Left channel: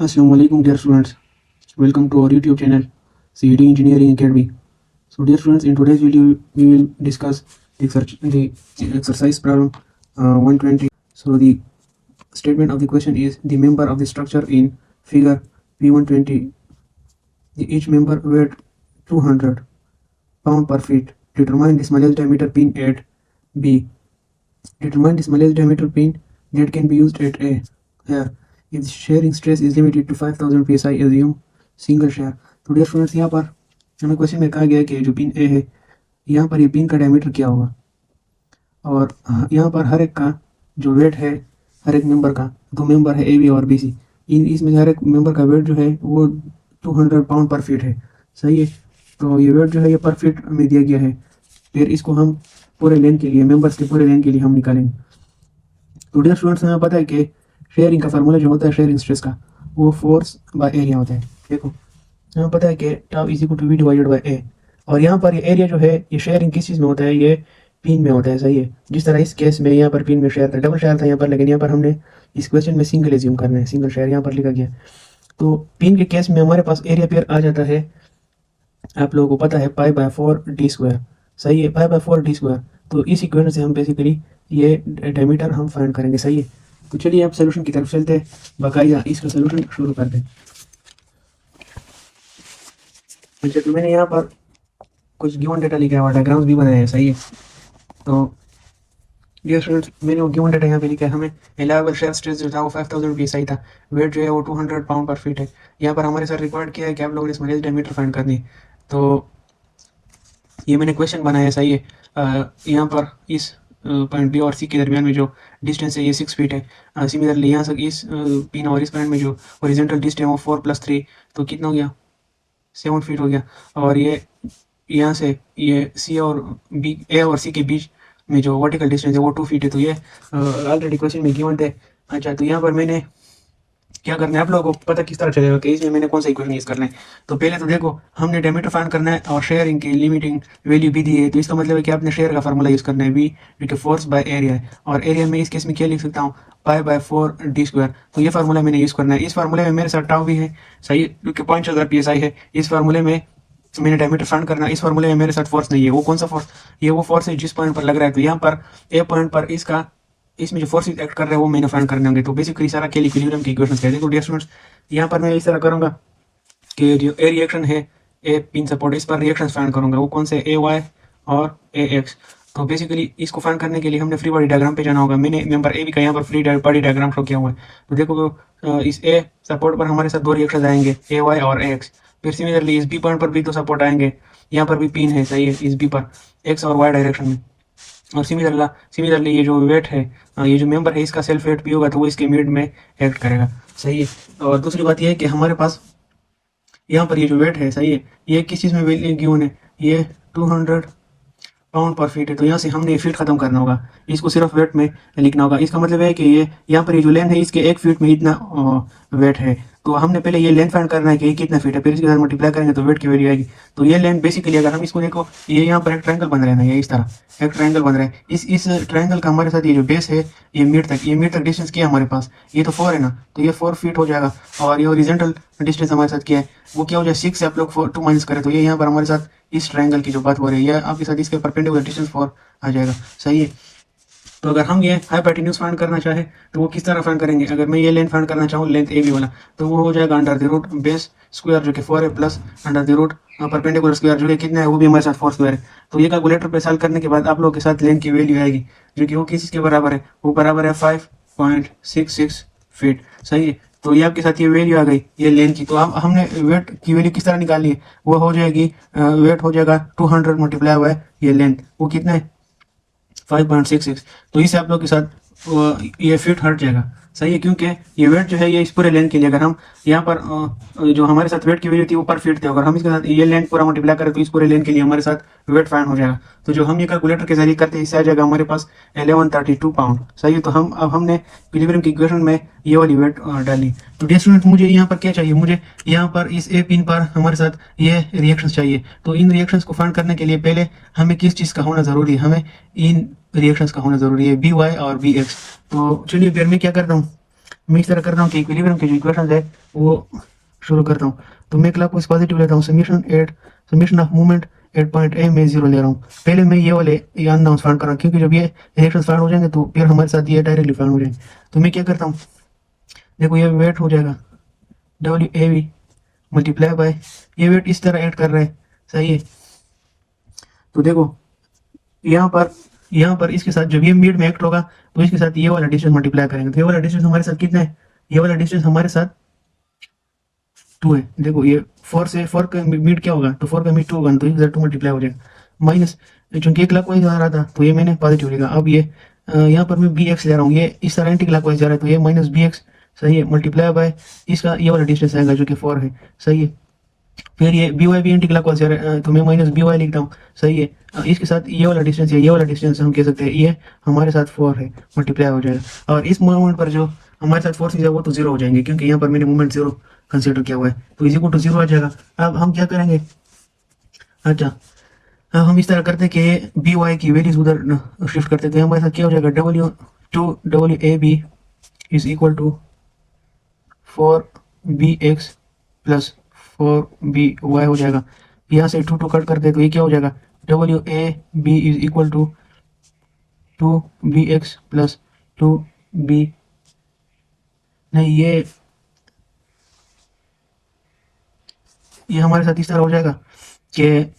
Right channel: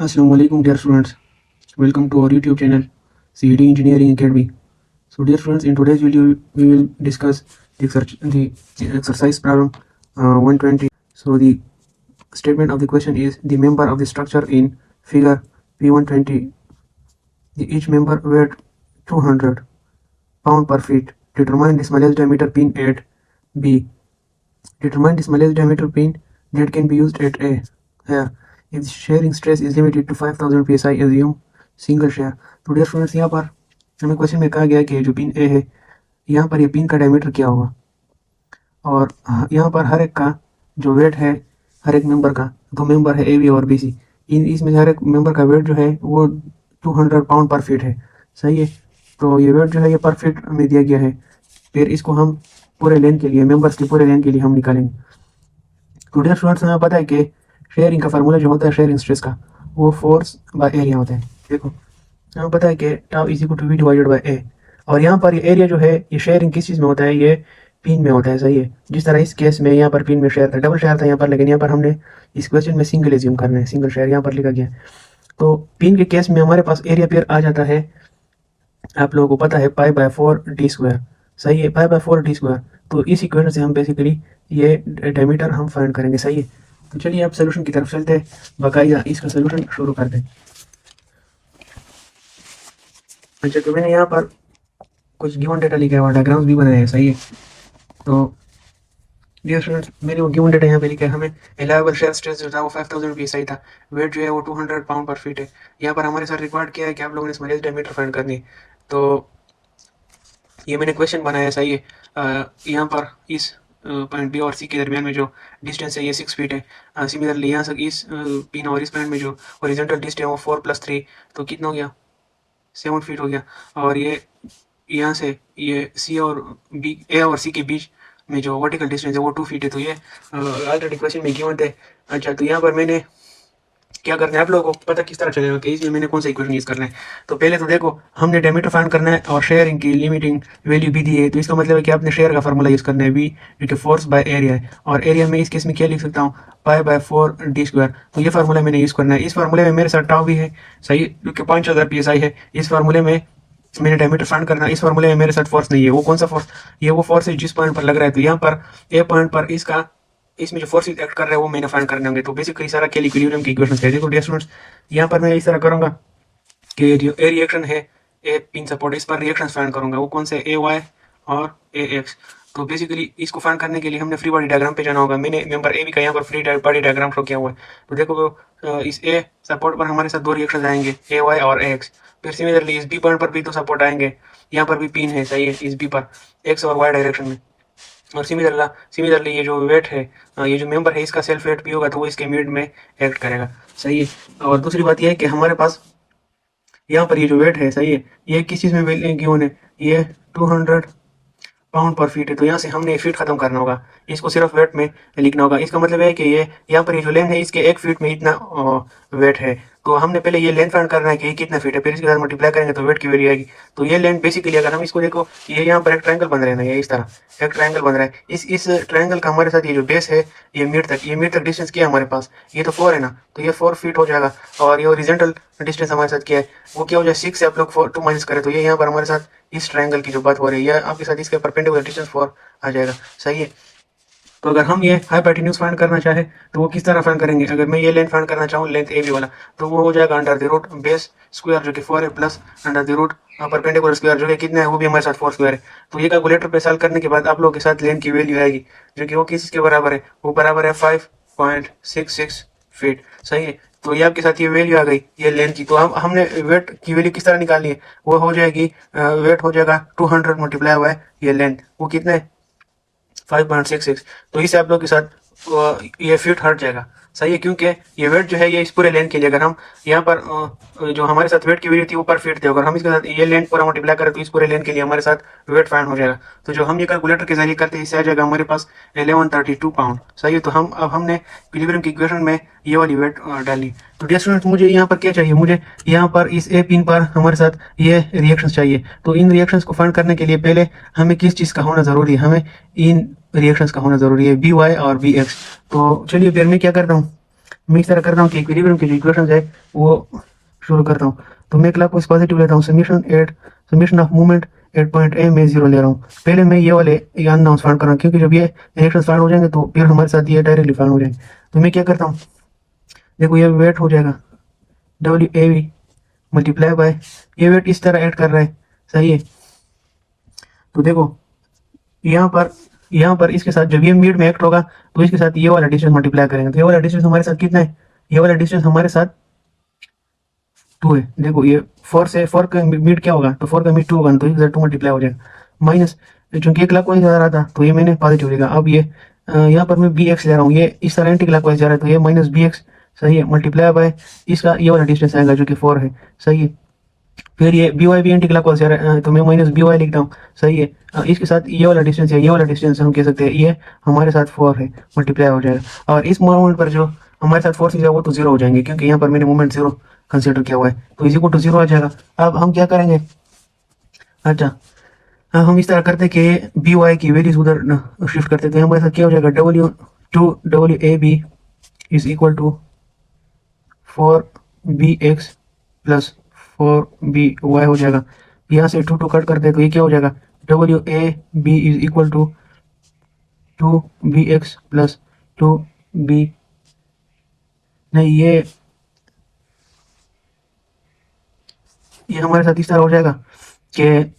Assalamualaikum dear students. Welcome to our YouTube channel CET Engineering Academy. So dear students, in today's video we will discuss the exercise problem 120. So the statement of the question is the member of the structure in figure P120, each member weighed 200 pound per feet. Determine the smallest diameter pin at B. Determine the smallest diameter pin that can be used at A. Here, if the shearing stress is limited to 5000 psi, assume single shear. तो dear students, यहाँ पर हमें question में कहा गया कि जो pin ए है, यहाँ पर ये पिन का डायमीटर क्या होगा, और यहाँ पर हर एक का जो वेट है, हर एक मेंबर का, दो मेंबर है ए बी और बी सी, इसमें से हर एक मेंबर का वेट जो है वो 200 पाउंड पर फीट है. सही है. तो ये वेट जो है ये पर फीट में दिया गया है. फिर इसको हम पूरे लेंथ के लिए, मेंबर्स के पूरे लेंथ के लिए हम निकालेंगे. तो डियर स्टूडेंट्स, हमें पता है कि शेयरिंग का फार्मूला जो होता है शेयरिंग स्ट्रेस का, वो फोर्स बाय एरिया होता है. देखो, हमें पता है कि tau is equal to V divided by A, और यहाँ पर ये एरिया जो है ये शेयरिंग किस चीज़ में होता है, ये पिन में होता है. सही है. जिस तरह इस केस में यहाँ पर पिन में शेयर था, डबल शेयर था यहाँ पर, लेकिन यहाँ पर हमने इस क्वेश्चन में सिंगल एज्यूम करना है, सिंगल शेयर यहाँ पर लिखा गया. तो पिन के केस में हमारे पास एरिया पेयर आ जाता है, आप लोगों को पता है, पाई बाय 4 डी स्क्वायर. सही है. पाई बाय 4 डी स्क्वायर. तो इस इक्वेशन से हम बेसिकली ये डायमीटर हम फाइंड करेंगे. सही है. तो चलिए आप सोल्यूशन की तरफ चलते हैं, बाकायदा इसका सोल्यूशन शुरू करते हैं. अच्छा, तो मैंने यहाँ पर कुछ गिवन डेटा लिखा है और डायग्राम्स भी बनाए हैं. सही है. तो डियर स्टूडेंट्स, मैंने वो गिवन डेटा यहाँ पे लिखा है. हमें अलाउबल शेयर स्ट्रेस जो था वो 5000 psi था, वेट जो है वो 200 पाउंड पर फीट है. यहाँ पर हमारे साथ रिकॉर्ड किया है कि आप लोगों ने स्मॉलेस्ट डायमीटर फाइंड करनी है. तो ये मैंने क्वेश्चन बनाया है. सही है. यहाँ पर इस पॉइंट बी और सी के दरमियान में जो डिस्टेंस है ये 6 फीट है. सिमिलरली यहाँ से इस पिन और इस पॉइंट में जो हॉरिजॉन्टल डिस्टेंस है वो 4 + 3, तो कितना हो गया, 7 फीट हो गया. और ये यहाँ से ये सी और बी, ए और सी के बीच में जो वर्टिकल डिस्टेंस है वो 2 फीट है. तो ये ऑलरेडी क्वेश्चन में गिवन थे. अच्छा, तो यहाँ पर मैंने क्या करना है, आप लोगों को पता किस तरह चलेगा कि इसमें मैंने कौन सा इक्वेशन यूज करना है. तो पहले तो देखो, हमने डायमीटर फाइंड करना है और शेयरिंग की लिमिटिंग वैल्यू भी दी है. तो इसका मतलब है कि आपने शेयर का फार्मूला यूज करना है, वी जो कि फोर्स बाय एरिया है. और एरिया में इस केस में क्या लिख सकता हूँ, पाई बाय 4 डी स्क्वायर. तो ये फार्मूला मैंने यूज करना है. इस फार्मूले में मेरे साथ टाउ भी है. सही, जो कि 5000 psi है. इस फार्मूले में मैंने डायमीटर फाइंड करना है. इस फार्मूले में मेरे साथ फोर्स नहीं है. वो कौन सा फोर्स, ये वो फोर्स है जिस पॉइंट पर लग रहा है. तो यहाँ पर ए पॉइंट पर इसमें जो फोर्सेस एक्ट कर रहे हैं वो मैंने फाइंड करने होंगे. तो बेसिकली सारा खेल इक्विलिब्रियम की इक्वेशंस कहते हैं. तो डियर स्टूडेंट्स, यहाँ पर मैं इस तरह करूंगा कि ये जो ए रिएक्शन है, ए पिन सपोर्ट, इस पर रिएक्शंस फाइंड करूंगा. वो कौन से, ए वाई और ए एक्स. तो बेसिकली इसको फाइंड करने के लिए हमने फ्री बॉडी डायग्राम पे जाना होगा. मैंने मेंबर ए बी का यहाँ पर फ्री बॉडी डायग्राम शो किया हुआ है. तो देखो, इस ए सपोर्ट पर हमारे साथ दो रिएक्शन आएंगे, ए वाई और ए एक्स. फिर सिमिलरली इस बी पॉइंट पर भी दो सपोर्ट आएंगे. यहाँ पर भी पिन है. सही है. इस बी पर एक्स और वाई डायरेक्शन में. और सिमिलरली ये जो वेट है, ये जो मेंबर है, इसका सेल्फ वेट भी होगा तो वो इसके मिड में एक्ट करेगा. सही है. और दूसरी बात यह है कि हमारे पास यहाँ पर ये जो वेट है, सही है, ये किस चीज़ में गिवन है, ये 200 पाउंड पर फीट है. तो यहाँ से हमने फीट खत्म करना होगा, इसको सिर्फ वेट में लिखना होगा. इसका मतलब है कि ये यहाँ पर ये जो लेंथ है इसके 1 फीट में इतना वेट है. तो हमने पहले ये लेंथ फाइंड करना है कि ये कितना फीट है, फिर इसके साथ मल्टीप्लाई करेंगे तो वेट की वैल्यू आएगी. तो ये लेंथ बेसिकली, अगर हम इसको देखो, ये यहाँ पर एक ट्रायंगल बन रहा है ना, ये इस तरह एक ट्रायंगल बन रहा है. इस ट्रायंगल का हमारे साथ ये जो बेस है, ये मिड तक डिस्टेंस क्या है हमारे पास, ये तो 4 है ना, तो ये 4 फीट हो जाएगा. और ये ओरिजेंटल डिस्टेंस हमारे साथ क्या है, वो क्या हो जाए, 6 से आप लोग 2 माइनस करें तो ये यहाँ पर हमारे साथ इस ट्रायंगल की जो बात हो रही है आपके साथ, इसके परपेंडिकुलर डिस्टेंस 4 आ जाएगा. सही है. तो अगर हम ये हाइपोटेन्यूज फाइंड करना चाहे तो वो किस तरह फाइंड करेंगे. अगर मैं ये लेंथ फाइंड करना चाहूँ, लेंथ ए बी वाला, तो वो हो जाएगा under the root base square जो कि 4 है, plus under the root perpendicular square जो कि कितना है, वो भी हमारे साथ 4 स्क्वायर है. तो ये कैलकुलेटर पे सॉल्व करने के बाद आप लोग के साथ लेंथ की वैल्यू आएगी जो कि वो किसके बराबर है, वो बराबर है 5.66 फीट. सही है. तो ये आपके साथ ये वैल्यू आ गई ये लेंथ की. तो अब हमने वेट की वैल्यू किस तरह निकालनी है, वो हो जाएगी, वेट हो जाएगा 200 मल्टीप्लाई बाय ये लेंथ, वो कितना है, 5.66. तो इसे आप लोग के साथ ये फीट हट जाएगा. सही है. क्योंकि ये वेट जो है ये इस पूरे लेंथ के लिए, अगर हम यहाँ पर जो हमारे साथ वेट की वैल्यू थी वो पर फीट थी, अगर हम इसके साथ ये लेंथ पूरा मल्टीप्लाई करें तो इस पूरे लेंथ के लिए हमारे साथ वेट फाइंड हो जाएगा. तो जो हम ये कैलकुलेटर के जरिए करते हैं, इससे आ जाएगा हमारे पास 1132 पाउंड. सही है. तो हमने इक्विलिब्रियम की इक्वेशन में ये वाली वेट डाली. तो डियर स्टूडेंट, मुझे यहाँ पर क्या चाहिए, मुझे यहाँ पर इस ए पिन पर हमारे साथ ये रिएक्शंस चाहिए. तो इन रिएक्शंस को फाइंड करने के लिए पहले हमें किस चीज़ का होना ज़रूरी है, हमें इन रिएक्शंस का होना ज़रूरी है, बी वाई और बी एक्स. तो चलिए फिर मैं क्या करता हूँ, मैं इस तरह कर रहा हूँ कि इक्विलिब्रियम की जो इक्वेशन है वो शुरू करता हूँ। तो मैं क्लॉकवाइज पॉजिटिव लेता हूँ, summation of movement at point A में 0 ले रहा हूँ। पहले मैं ये वाले ये अननोन्स फाइंड कर रहा हूँ, क्योंकि जब ये रिएक्शन स्टार्ट हो जाएंगे तो फिर हमारे साथ ये डायरेक्टली फाइंड हो जाएंगे। तो मैं क्या करता हूँ, देखो ये वेट हो जाएगा W A V multiply by, ये वेट इस तरह ऐड कर रहा है, सही है। तो देखो यहाँ पर इसके साथ जब ये मिड में एक्ट होगा तो इसके साथ ये वाला डिस्टेंस मल्टीप्लाई करेंगे, तो ये वाला डिस्टेंस हमारे साथ कितना है, ये वाला डिस्टेंस हमारे साथ 2 है। देखो ये 4 से 4 का मिड क्या होगा, तो 4 का मिड 2 होगा, तो इसके साथ 2 मल्टीप्लाई हो जाएगा माइनस, चूंकि एक क्लॉकवाइज आ रहा था तो ये मैंने पॉजिटिव लिखा। अब ये यहाँ पर मैं बी एक्स ले रहा हूँ, ये इस तरह एंटी क्लॉकवाइज जा रहा है, तो ये माइनस बी एक्स, सही है, मल्टीप्लाई बाय इसका ये वाला डिस्टेंस आएगा जो कि 4 है, सही है। फिर ये बी वाई भी एंटी क्लॉकवाइज जा रहा है, तो मैं माइनस बी वाई लिखता हूँ, सही है। इसके साथ ये वाला डिस्टेंस है, ये वाला डिस्टेंस हम कह सकते हैं ये हमारे साथ 4 है, मल्टीप्लाई हो जाएगा। और इस मोमेंट पर जो हमारे साथ फोर्स है वो तो 0 हो जाएंगे, क्योंकि यहाँ पर मैंने मोमेंट 0 कंसिडर किया हुआ है, तो इज इक्वल टू 0 आ जाएगा। अब हम क्या करेंगे, अच्छा हम इस तरह करते हैं कि बी वाई की वैल्यूज उधर शिफ्ट करते हैं, तो हमारे साथ क्या हो जाएगा, W A B is equal to 4bx plus 4by हो जाएगा। यहाँ से 2 कट करते हैं तो ये क्या हो जाएगा, W A B is equal to 2bx plus 2b, नहीं ये हमारे साथ इस तरह हो जाएगा कि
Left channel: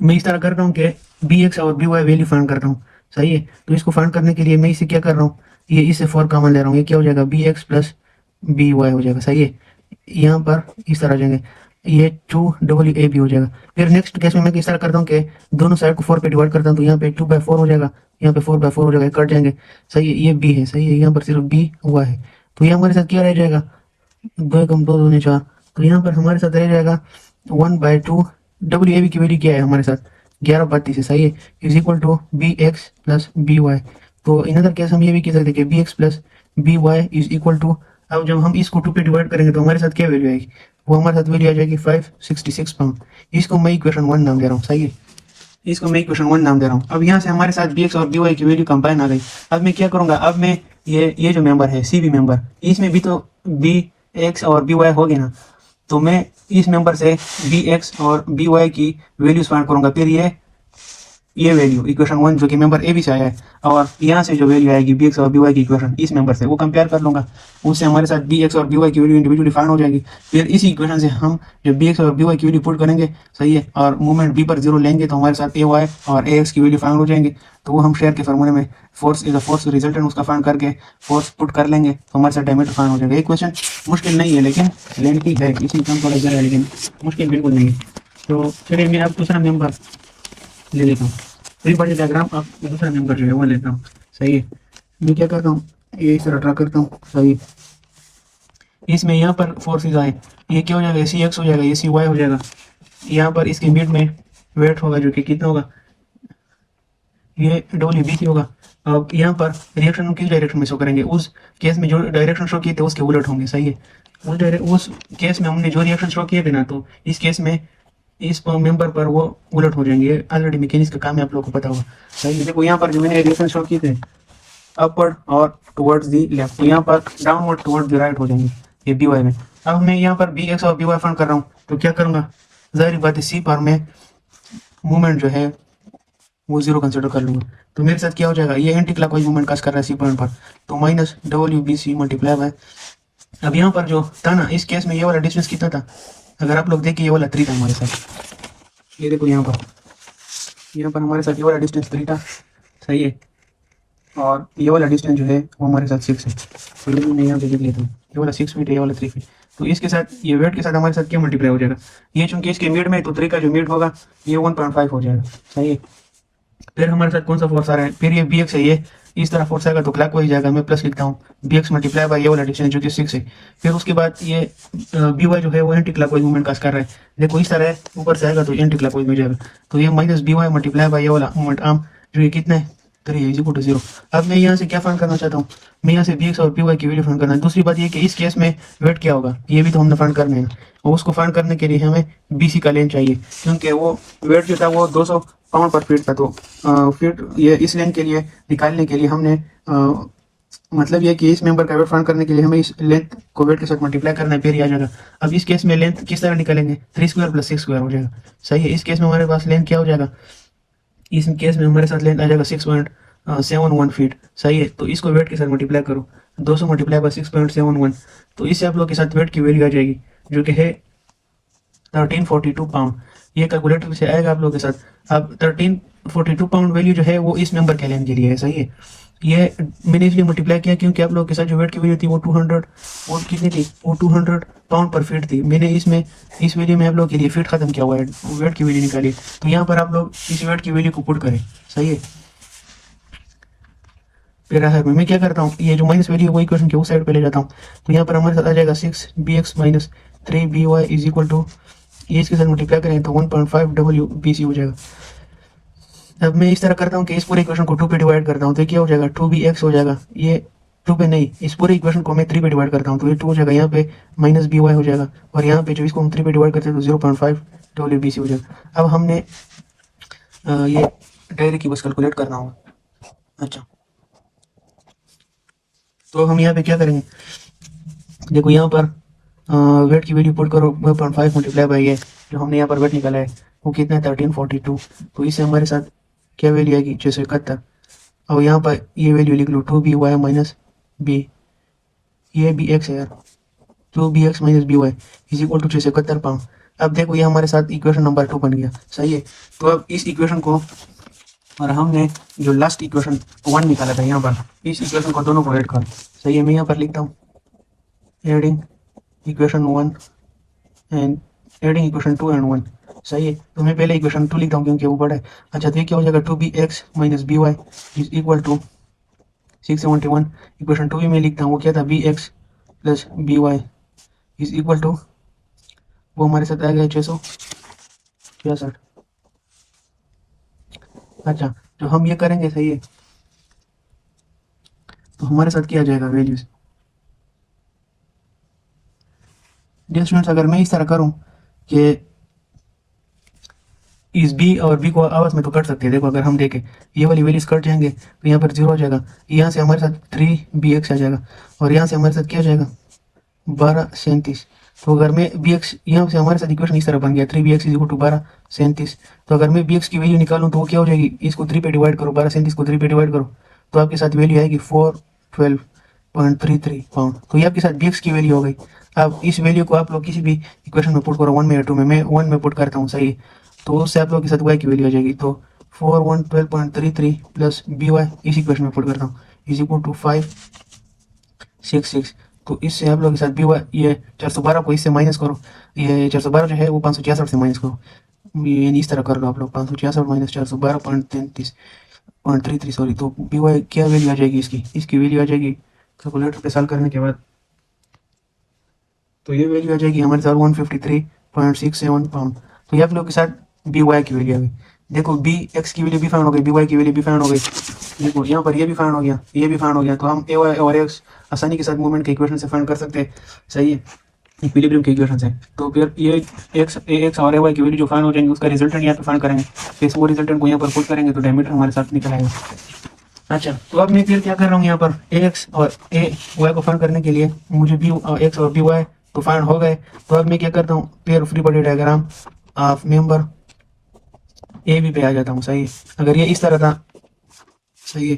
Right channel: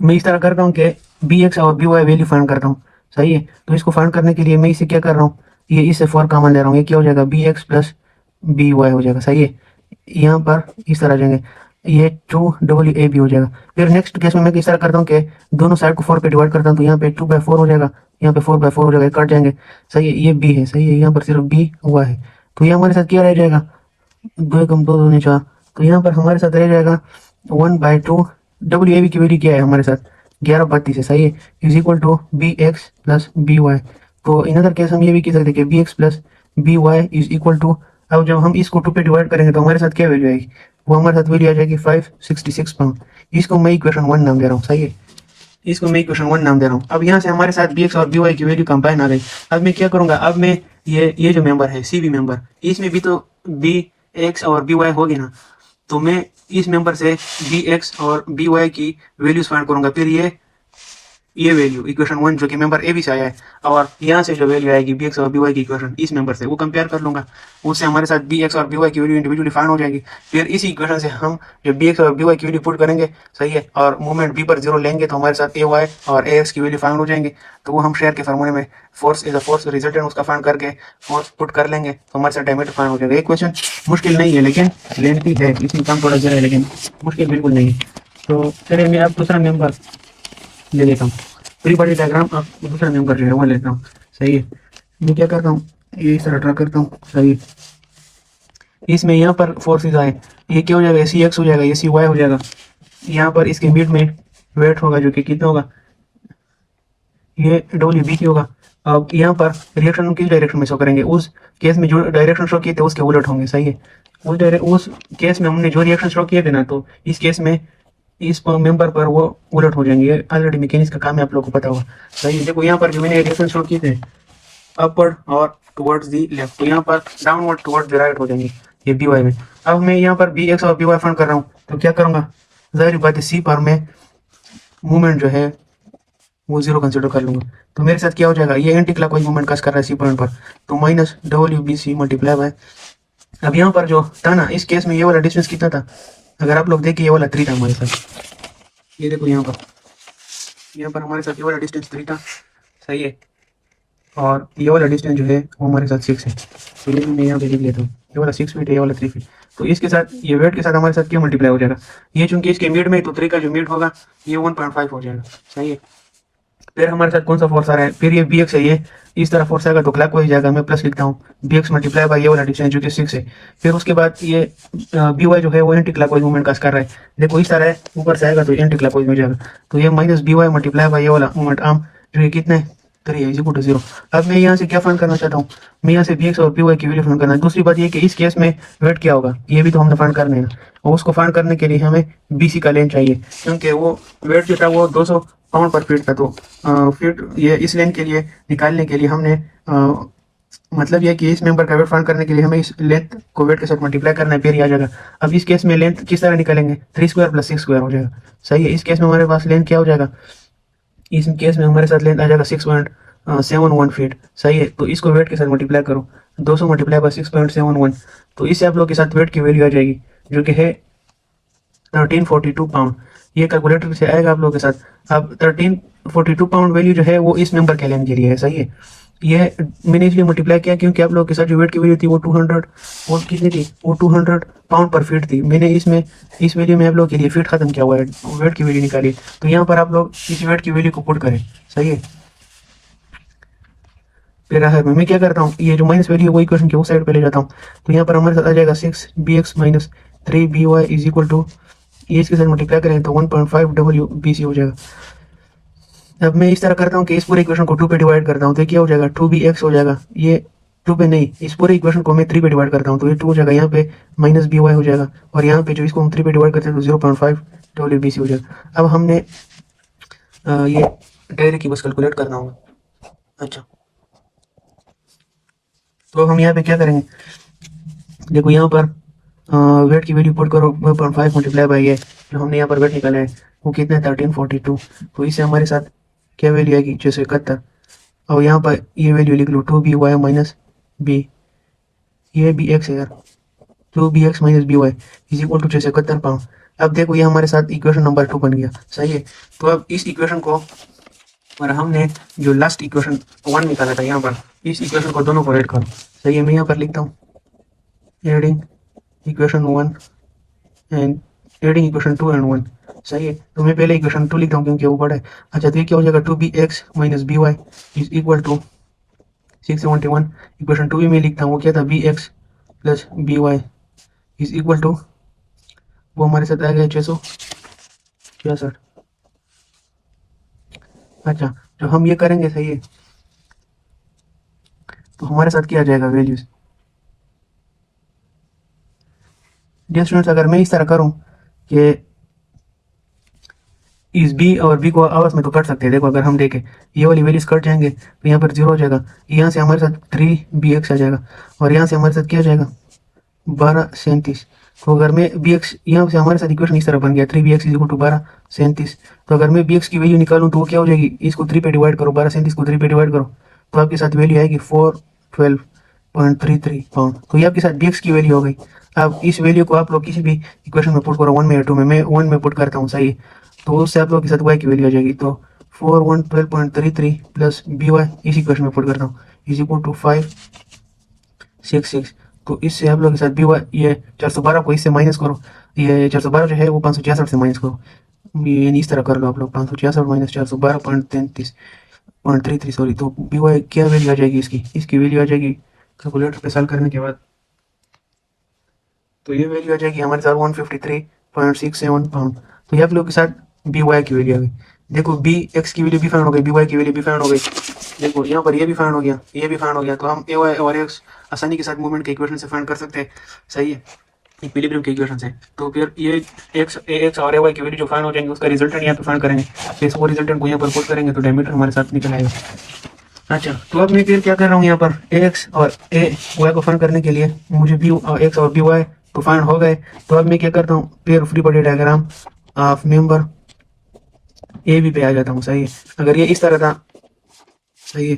मैं इस तरह करता हूँ कि बी एक्स और बी वाई वैल्यू फाइंड करता हूँ, सही है। तो इसको फाइंड करने के लिए मैं इसे क्या कर रहा हूँ, ये इससे 4 कॉमन ले रहा हूँ, ये क्या हो जाएगा, B X plus B Y हो जाएगा, सही है। यहाँ पर इस तरह जाएंगे, ये 2 हो जाएगा। फिर नेक्स्ट केस में मैं इस तरह करता हूँ कि दोनों साइड को 4 पे डिवाइड करता हूँ, तो यहाँ पे 2/4 हो जाएगा, यहाँ पे 4/4 हो जाएगा, कट जाएंगे, सही है। ये बी है, सही है, यहाँ पर सिर्फ बी हुआ है, तो ये हमारे साथ क्या रह जाएगा, 2 कम 2 दूनी 4, तो यहाँ पर हमारे साथ रह जाएगा 1/2। डब्ल्यू ए बी की वैल्यू क्या है हमारे साथ, 11/32 है, सही है, is equal to B X plus B Y. तो इन अदर केस हम ये भी कह सकते हैं कि B X plus B Y is equal to, अब जब हम इसको 2 पे डिवाइड करेंगे तो हमारे साथ क्या वैल्यू आएगी, वो हमारे साथ वैल्यू आ जाएगी 566 पाउंड। इसको मैं इक्वेशन 1 नाम दे रहा हूँ, सही है, इसको मैं इक्वेशन 1 नाम दे रहा हूँ। अब यहाँ से हमारे साथ बी एक्स और बी वाई की वैल्यू कंबाइन आ गई। अब मैं क्या करूंगा, अब मैं ये जो मेंबर है सी बी मेंबर, इसमें भी तो बी एक्स और बी वाई हो गए ना, तो मैं इस मेंबर से बी एक्स और बी वाई की वैल्यूज फाइंड करूंगा। फिर ये वैल्यू इक्वेशन 1 जो कि मेंबर ए बी से आया है, और यहाँ से जो वैल्यू आएगी बी एक्स और बी वाई की इक्वेशन इस मेंबर से, वो कंपेयर कर लूंगा, उससे हमारे साथ बी एक्स और बी वाई की वैल्यू इंडिविजुअली फाइंड हो जाएगी। फिर इसी इक्वेशन से हम जो बी एक्स और बी वाई की वैल्यू पुट करेंगे, सही है, और मूवमेंट बी पर 0 लेंगे तो हमारे साथ ए वाई और ए एक्स की वैल्यू फाइंड हो जाएंगे। तो वो हम शेयर के फार्मूले में force is a force resultant उसका फाइंड करके फोर्स पुट कर लेंगे, तो हमारे साथ डायमीटर फाइंड हो जाएगा। एक क्वेश्चन मुश्किल नहीं है, लेकिन लेंथी है, इसमें काम थोड़ा ज़रा है, लेकिन मुश्किल बिल्कुल नहीं है। तो चलिए मैं अब दूसरा मेंबर ले लेता हूँ, फ्री बॉडी डायग्राम अब दूसरा मेंबर जो है वो लेता हूँ, सही है। मैं क्या करता हूँ, ये इस तरह ड्रा करता हूँ, सही। इसमें यहाँ पर फोर्सेज आए, ये क्या हो जाएगा, सी एक्स हो जाएगा, ये सी वाई हो जाएगा। यहाँ पर इसके मिड में वेट होगा जो कि कितना होगा, ये डब्ल्यू बी की होगा। अब यहाँ पर रिएक्शन किस डायरेक्शन में शो करेंगे, उस केस में जो डायरेक्शन शो किए थे उसके उलट होंगे, सही है। उस केस में हमने जो रिएक्शन शो किए थे ना, तो इस केस में इस मेंबर पर वो उलट हो जाएंगे। ऑलरेडी मैकेनिक्स का काम है, आप लोगों को पता होगा, सही है। देखो यहाँ पर जो मैंने रिएक्शन शो किए थे अपवर्ड और टुवर्ड्स द लेफ्ट, तो यहाँ पर डाउनवर्ड टुवर्ड्स द राइट हो जाएंगे ये बी वाई में। अब मैं यहाँ पर बी एक्स और बी वाई फाइंड कर रहा हूँ, तो क्या करूँगा, जाहिर बात है सी पर मैं मूवमेंट जो है वो 0 कंसिडर कर लूंगा। तो मेरे साथ क्या हो जाएगा, ये एंटी क्लॉकवाइज मूवमेंट काज कर रहा है सी पॉइंट पर, तो minus W B C multiply by, अब यहाँ पर जो था ना, इस केस में ये वाला डिस्टेंस कितना था, अगर आप लोग देखिए ये वाला 3 था हमारे साथ, ये देखो यहाँ पर हमारे साथ ये वाला डिस्टेंस 3 था, सही है, और ये वाला डिस्टेंस जो है वो हमारे साथ 6 है। तो मैं यहाँ पे लिख लेता हूँ, ये वाला 6 फीट है, ये वाला 3 फीट। तो इसके साथ ये वेट के साथ हमारे साथ क्या मल्टीप्लाई हो जाएगा, ये चूंकि इसके मिड में, तो 3 का जो मिड होगा ये 1.5 हो जाएगा, सही है। फिर हमारे साथ कौन सा फोर्स आ रहा है, फिर ये बी एक्स है, ये इस तरह फोर्स आएगा तो क्लॉकवाइज जाएगा, मैं प्लस लिखता हूँ, बी एक्स मल्टीप्लाई बाय ये वाला डिस्टेंस जो कि 6 है। फिर उसके बाद ये बी वाई जो है वो एंटी क्लॉकवाइज मूवमेंट काज कर रहा है, देखो इस तरह है, ऊपर से आएगा तो एंटी क्लॉकवाइज में जाएगा, तो ये minus B Y multiply by ये वाला मूवमेंट आर्म जो ये कितना है 3 इज इक्वल टू 0। अब मैं यहाँ से क्या फाइंड करना चाहता हूँ, मैं यहाँ से बी एक्स और बी वाई की वैल्यू फाइंड करना है। दूसरी बात ये कि इस केस में वेट क्या होगा, ये भी तो हमने फाइंड करना है, और उसको फाइंड करने के लिए हमें बी सी का लेंथ चाहिए, क्योंकि वो वेट जो था वो 200 पाउंड पर फीट था। तो फिर ये इस लेंथ के लिए निकालने के लिए हमने मतलब ये कि इस मेंबर का वेट फाइंड करने के लिए हमें इस लेंथ को वेट के साथ मल्टीप्लाई करना है, फिर ही आ जाएगा। अब इस केस में लेंथ किस तरह निकालेंगे, 3 स्क्वायर प्लस 6 स्क्वायर हो जाएगा। सही है, इस केस में हमारे पास लेंथ क्या हो जाएगा, इस केस में हमारे साथ लेंथ आ जाएगा 6.71 फीट। सही है, तो इसको वेट के साथ मल्टीप्लाई करो, 200 मल्टीप्लाई बाय 6.71, तो इससे आप लोग के साथ वेट की वैल्यू आ जाएगी जो कि है 1342 पाउंड। ये कैलकुलेटर से आएगा आप लोगों के साथ। अब 1342 पाउंड वैल्यू जो है वो इस मेंबर के लेंथ के लिए है। सही है, ये मैंने इसलिए मल्टीप्लाई किया क्योंकि आप लोगों के साथ जो वेट की वैल्यू थी वो 200 और कितनी थी, वो 200 पाउंड पर फीट थी। मैंने इसमें इस वैल्यू में आप लोगों के लिए फीट खत्म किया हुआ है, वेट की वैल्यू निकाली। तो यहाँ पर आप लोग इस वेट की वैल्यू को पुट करें। सही है, फिर मैं क्या करता हूँ, ये जो माइनस वैल्यू है वो इक्वेशन के उस साइड पे ले जाता हूँ। तो यहाँ पर हमारे साथ आ जाएगा 6bx minus 3by is equal to, ये इसके साथ मल्टीप्लाई करें तो 1.5 WBC हो जाएगा। अब मैं इस तरह करता हूँ कि इस पूरे इक्वेशन को 2 पे डिवाइड करता हूँ, तो क्या हो जाएगा 2bx हो जाएगा। ये 2 पे नहीं, इस पूरे इक्वेशन को मैं 3 पे डिवाइड करता हूँ तो ये 2 हो जाएगा, यहाँ पे माइनस by हो जाएगा, और यहाँ पे जो इसको हम 3 पे डिवाइड करते हैं तो 0.5 WBC हो जाएगा। अब हमने ये डायरेक्ट की बस कैलकुलेट करना होगा। अच्छा, तो हम यहाँ पे क्या करेंगे, देखो यहाँ पर वेट की वैल्यू पुट करो, 2.5 मल्टीप्लाई बाई है जो हमने यहाँ पर वेट निकाला है वो कितना है 1342। तो इससे हमारे साथ क्या वैल्यू आएगी 671। और यहाँ पर ये वैल्यू लिख लो 2by माइनस बी, ये बी एक्स है यार, 2bx minus B Y is equal to 671 pound. अब देखो ये हमारे साथ इक्वेशन नंबर 2 बन गया। सही है, तो अब इस इक्वेशन को, और हमने जो लास्ट इक्वेशन 1 निकाला था यहाँ पर, इस इक्वेशन को दोनों को ऐड करो। सही है, मैं यहाँ पर लिखता हूँ adding equation 1 and adding equation 2 and 1। सही है, तो मैं पहले इक्वेशन 2 लिखता हूँ क्योंकि वो बड़ा है। अच्छा, तो ये क्या हो जाएगा 2bx minus B Y is equal to 671। Equation 2 भी मैं लिखता हूँ, वो क्या था bx plus B Y is equal to, वो हमारे साथ आ गया 666। अच्छा, तो हम ये करेंगे। सही है, तो हमारे साथ क्या आ जाएगा वैल्यूज। डियर स्टूडेंट्स, अगर मैं इस तरह करूं कि इस बी और बी को आपस में तो कट सकते हैं। देखो अगर हम देखें ये वाली वैल्यूज कट जाएंगे तो यहाँ पर 0 हो जाएगा, यहाँ से हमारे साथ 3bx आ जाएगा, और यहाँ से हमारे साथ क्या आ जाएगा 1237। तो अगर मैं bx, यहाँ से हमारे साथ इक्वेशन इस तरह बन गया 3bx इज इक्वल टू 1237। तो अगर मैं bx की वैल्यू निकालूं तो क्या हो जाएगी, इसको 3 पे डिवाइड करो, 1237 को 3 पे डिवाइड करो तो आपके साथ वैल्यू आएगी 412.33 पाउंड। तो ये आपके साथ bx की वैल्यू हो गई। अब इस वैल्यू को आप लोग किसी भी इक्वेशन में पुट करो, 1 में या 2 में, मैं 1 में पुट करता हूँ। सही, तो उससे आप लोग के साथ y की वैल्यू आ जाएगी। तो 412.33 प्लस बी वाई इस इक्वेशन में पुट करता हूँ इज इक्वल टू 566। तो इससे आप लोग के साथ बी वाई, ये 412 को इससे माइनस करो, ये 412 जो है वो 566 से माइनस करो, ये इस तरह कर लो आप लोग, 566 माइनस 412.33 सॉरी। तो बी वाई क्या वैल्यू आ जाएगी इसकी, इसकी वैल्यू आ जाएगी कैलकुलेटर पे सॉल्व करने के बाद, तो ये वैल्यू आ जाएगी हमारे साथ 153.67 पाउंड। तो ये आप लोग के साथ बी वाई की वैल्यू आ गई। देखो बी एक्स की वैल्यू भी फाइंड हो गई, बी वाई की वैल्यू भी फाइंड हो गई। देखो यहाँ पर ये भी फाइंड हो गया, ये भी फाइंड हो गया। तो हम ए वाई और एक्स आसानी के साथ मूवमेंट के इक्वेशन से फाइंड कर सकते हैं। सही है, इक्विलिब्रियम के इक्वेशन से। तो फिर ये एक्स ए एक्स और ए वाई की वैल्यू जो फाइंड हो जाएंगे उसका रिजल्टेंट यहाँ पे फाइंड करेंगे, इस वो रिजल्टेंट को यहाँ पर पुट करेंगे तो डायमीटर हमारे साथ निकल आएगा। अच्छा, तो अब मैं फिर क्या कर रहा हूँ, यहाँ पर ए एक्स और ए वाई को फाइंड करने के लिए मुझे बी एक्स और बी वाई तो फाइंड हो गए। तो अब मैं क्या करता हूँ, pair free body diagram of member A B पे आ जाता हूँ। सही है, अगर ये इस तरह था, सही है,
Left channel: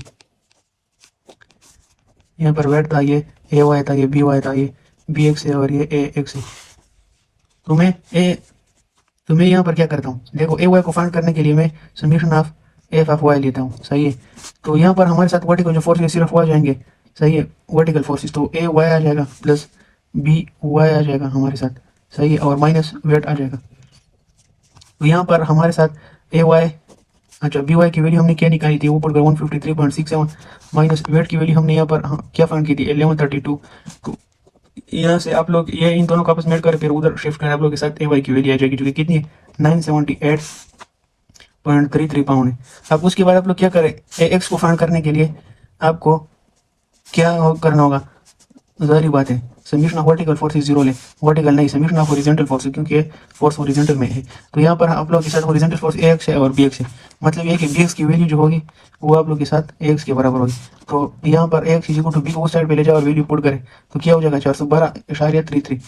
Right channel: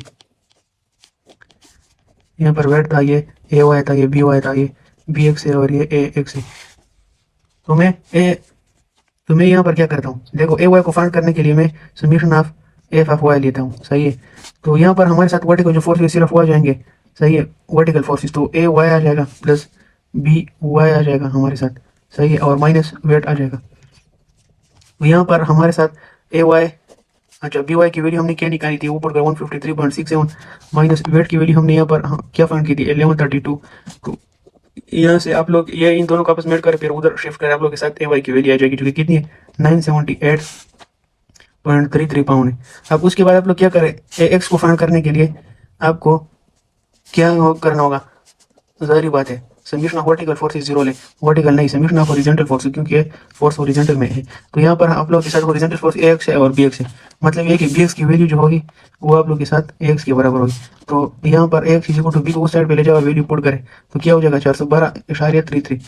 यहाँ पर वेट था, ये ए वाई था, ये बी वाई था, ये बी एक्स है और ये ए एक्स है। तो मैं यहाँ पर क्या करता हूँ, देखो ए वाई को फाइंड करने के लिए मैं summation of F of Y लेता हूँ। सही है, तो यहाँ पर हमारे साथ वर्टिकल जो फोर्सेस सिर्फ वो आ जाएंगे। सही है, वर्टिकल फोर्सेस, तो ए वाई आ जाएगा प्लस बी वाई आ जाएगा हमारे साथ। सही है, और माइनस वेट आ जाएगा। तो यहाँ पर हमारे साथ ए वाई, अच्छा बी वाई की वैल्यू हमने क्या निकाली थी, ऊपर 153.67 माइनस वेट की वैल्यू हमने यहाँ पर क्या फाइंड की थी 1132। तो यहाँ से आप लोग ये इन दोनों का आपस में ऐड कर फिर उधर शिफ्ट कर, आप लोग के साथ ए वाई की वैल्यू आ जाएगी जो कि कितनी है 978.33 पाउंड है। अब उसके बाद आप लोग क्या करें, ए एक्स को फाइंड करने के लिए आपको क्या करना होगा, ज़ाहिर बात है summation of vertical force is zero है, वर्टिकल नहीं, समीशन ऑफ हॉरिजॉन्टल फोर्स है, क्योंकि फोर्स हॉरिजॉन्टल में है। तो यहाँ पर आप लोग के साथ हॉरिजॉन्टल फोर्स एक्स है और बी एक्स है, मतलब ये कि बी एक्स की वैल्यू जो होगी वो आप लोग के साथ एक्स के बराबर होगी। तो यहाँ पर X is equal to B को उस साइड पे ले जाओ, वैल्यू पुट करें तो क्या हो जाएगा 412.33।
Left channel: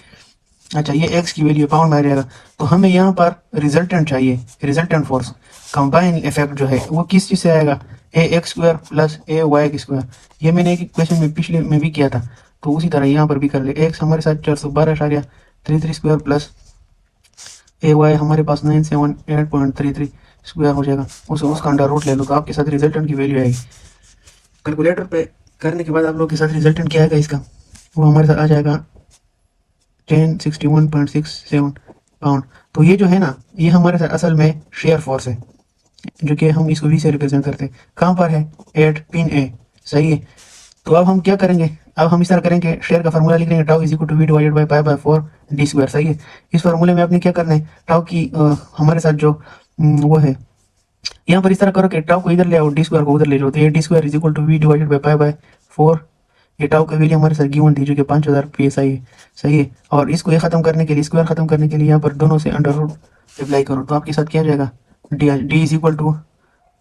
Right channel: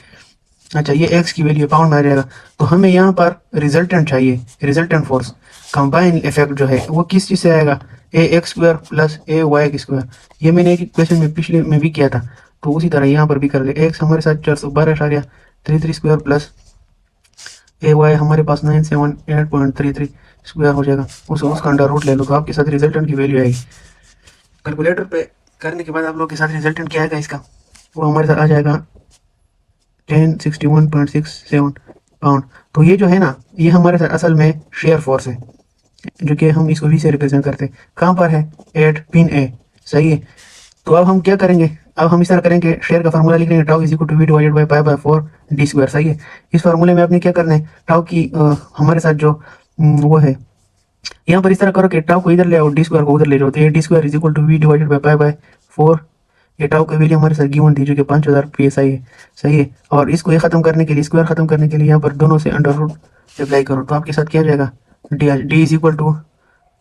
अच्छा, ये एक्स की वैल्यू पाउंड में आ जाएगा। तो हमें यहाँ पर रिजल्टेंट चाहिए, रिजल्टेंट फोर्स कंबाइन इफेक्ट जो है वो किस चीज़ से आएगा, ए एक्स स्क्वायर प्लस ए वाई स्क्वायर। ये मैंने एक क्वेश्चन में पिछले में भी किया था, तो उसी तरह यहाँ पर भी कर ले। एक्स हमारे साथ 412.33 स्क्वायर प्लस ए वाई हमारे पास 978.33 स्क्वायर हो जाएगा, उसका अंडर रूट ले लो तो आपके साथ रिजल्टेंट की वैल्यू आएगी। कैलकुलेटर पे करने के बाद आप लोग के साथ रिजल्टेंट क्या आएगा इसका, वो हमारे साथ आ जाएगा 1061.67 पाउंड। तो ये जो है ना, ये हमारे साथ असल में शेयर फोर्स है, जो कि हम इसको वी से रिप्रेजेंट करते हैं। कहाँ पर है, एट पिन ए, सही है। तो अब हम क्या करेंगे, अब हम इस तरह करेंगे, शेयर का फार्मूला लिख लेंगे, tau is equal to V divided by pi by 4 D square, सही है। इस फार्मूले में अपने क्या करना है, टाउ की हमारे साथ जो वो है, यहाँ पर इस तरह करो कि टाउ को इधर ले आओ, डी स्क्वायर को उधर ले जाओ, तो A D square is equal to V divided by pi by 4। ये टाउ की वैल्यू हमारे साथ गिवन थी जो कि 5000 पीएसआई है, सही है। और इसको ये खत्म करने के लिए, स्क्वायर खत्म करने के लिए यहाँ पर दोनों से अंडर रूट अप्लाई करो, तो आपके साथ क्या जाएगा, D is equal to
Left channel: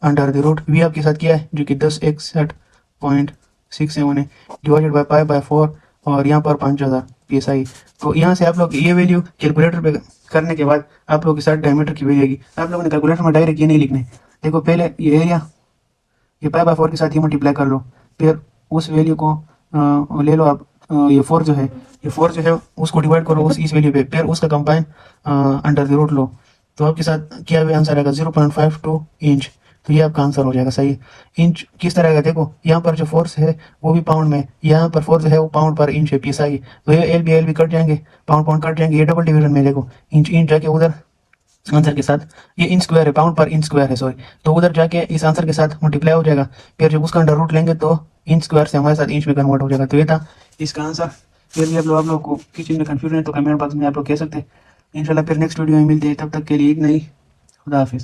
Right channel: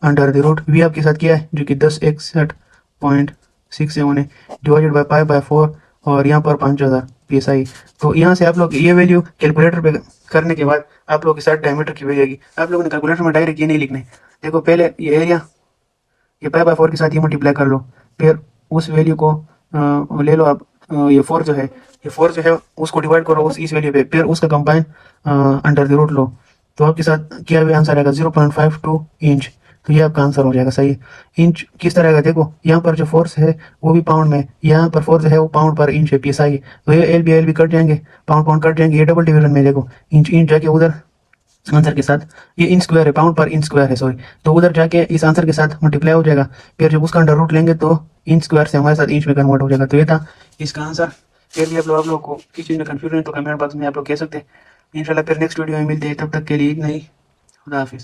under the root V आपके साथ क्या है जो कि 1061.67 है, डिवाइडेड बाय पाई बाय 4 और यहाँ पर 5000 पीएसआई। तो यहाँ से आप लोग ये वैल्यू कैलकुलेटर पे करने के बाद आप लोग के साथ डायमीटर की वैल्यू आएगी। आप लोगों ने कैलकुलेटर में डायरेक्ट ये नहीं लिखना है, देखो पहले ये एरिया ये पाई बाय 4 के साथ ही मल्टीप्लाई कर लो, फिर उस वैल्यू को ले लो आप, ये 4 जो है, ये 4 जो है उसको डिवाइड करो उस इस वैल्यू पे, फिर उसका कंबाइन अंडर द रूट लो, तो आपके साथ क्या आंसर आएगा 0.52 इंच। तो ये आपका आंसर हो जाएगा, सही। इंच किस तरह का, देखो यहाँ पर जो फोर्स है वो भी पाउंड में, यहाँ पर फोर्स है वो पाउंड पर इंच है पीएसआई, तो ये एल भी कट जाएंगे, पाउंड पाउंड कट जाएंगे, ये डबल डिवीजन में देखो इंच इंच जाके उधर आंसर के साथ, ये इंच स्क्वायर है, पाउंड पर इंच स्क्वायर है सॉरी, तो उधर जाके इस आंसर के साथ मल्टीप्लाई हो जाएगा, फिर जब उसका अंडर रूट लेंगे तो इंच स्क्वायर से हमारे साथ इंच में कन्वर्ट हो जाएगा। तो ये था इसका आंसर। यदि आप लोग को किसी चीज़ में कंफ्यूजन है तो कमेंट बॉक्स में आप लोग कह सकते हैं। इंशाल्लाह फिर नेक्स्ट वीडियो में मिलते हैं, तब तक के लिए इतना ही, खुदा हाफिज़।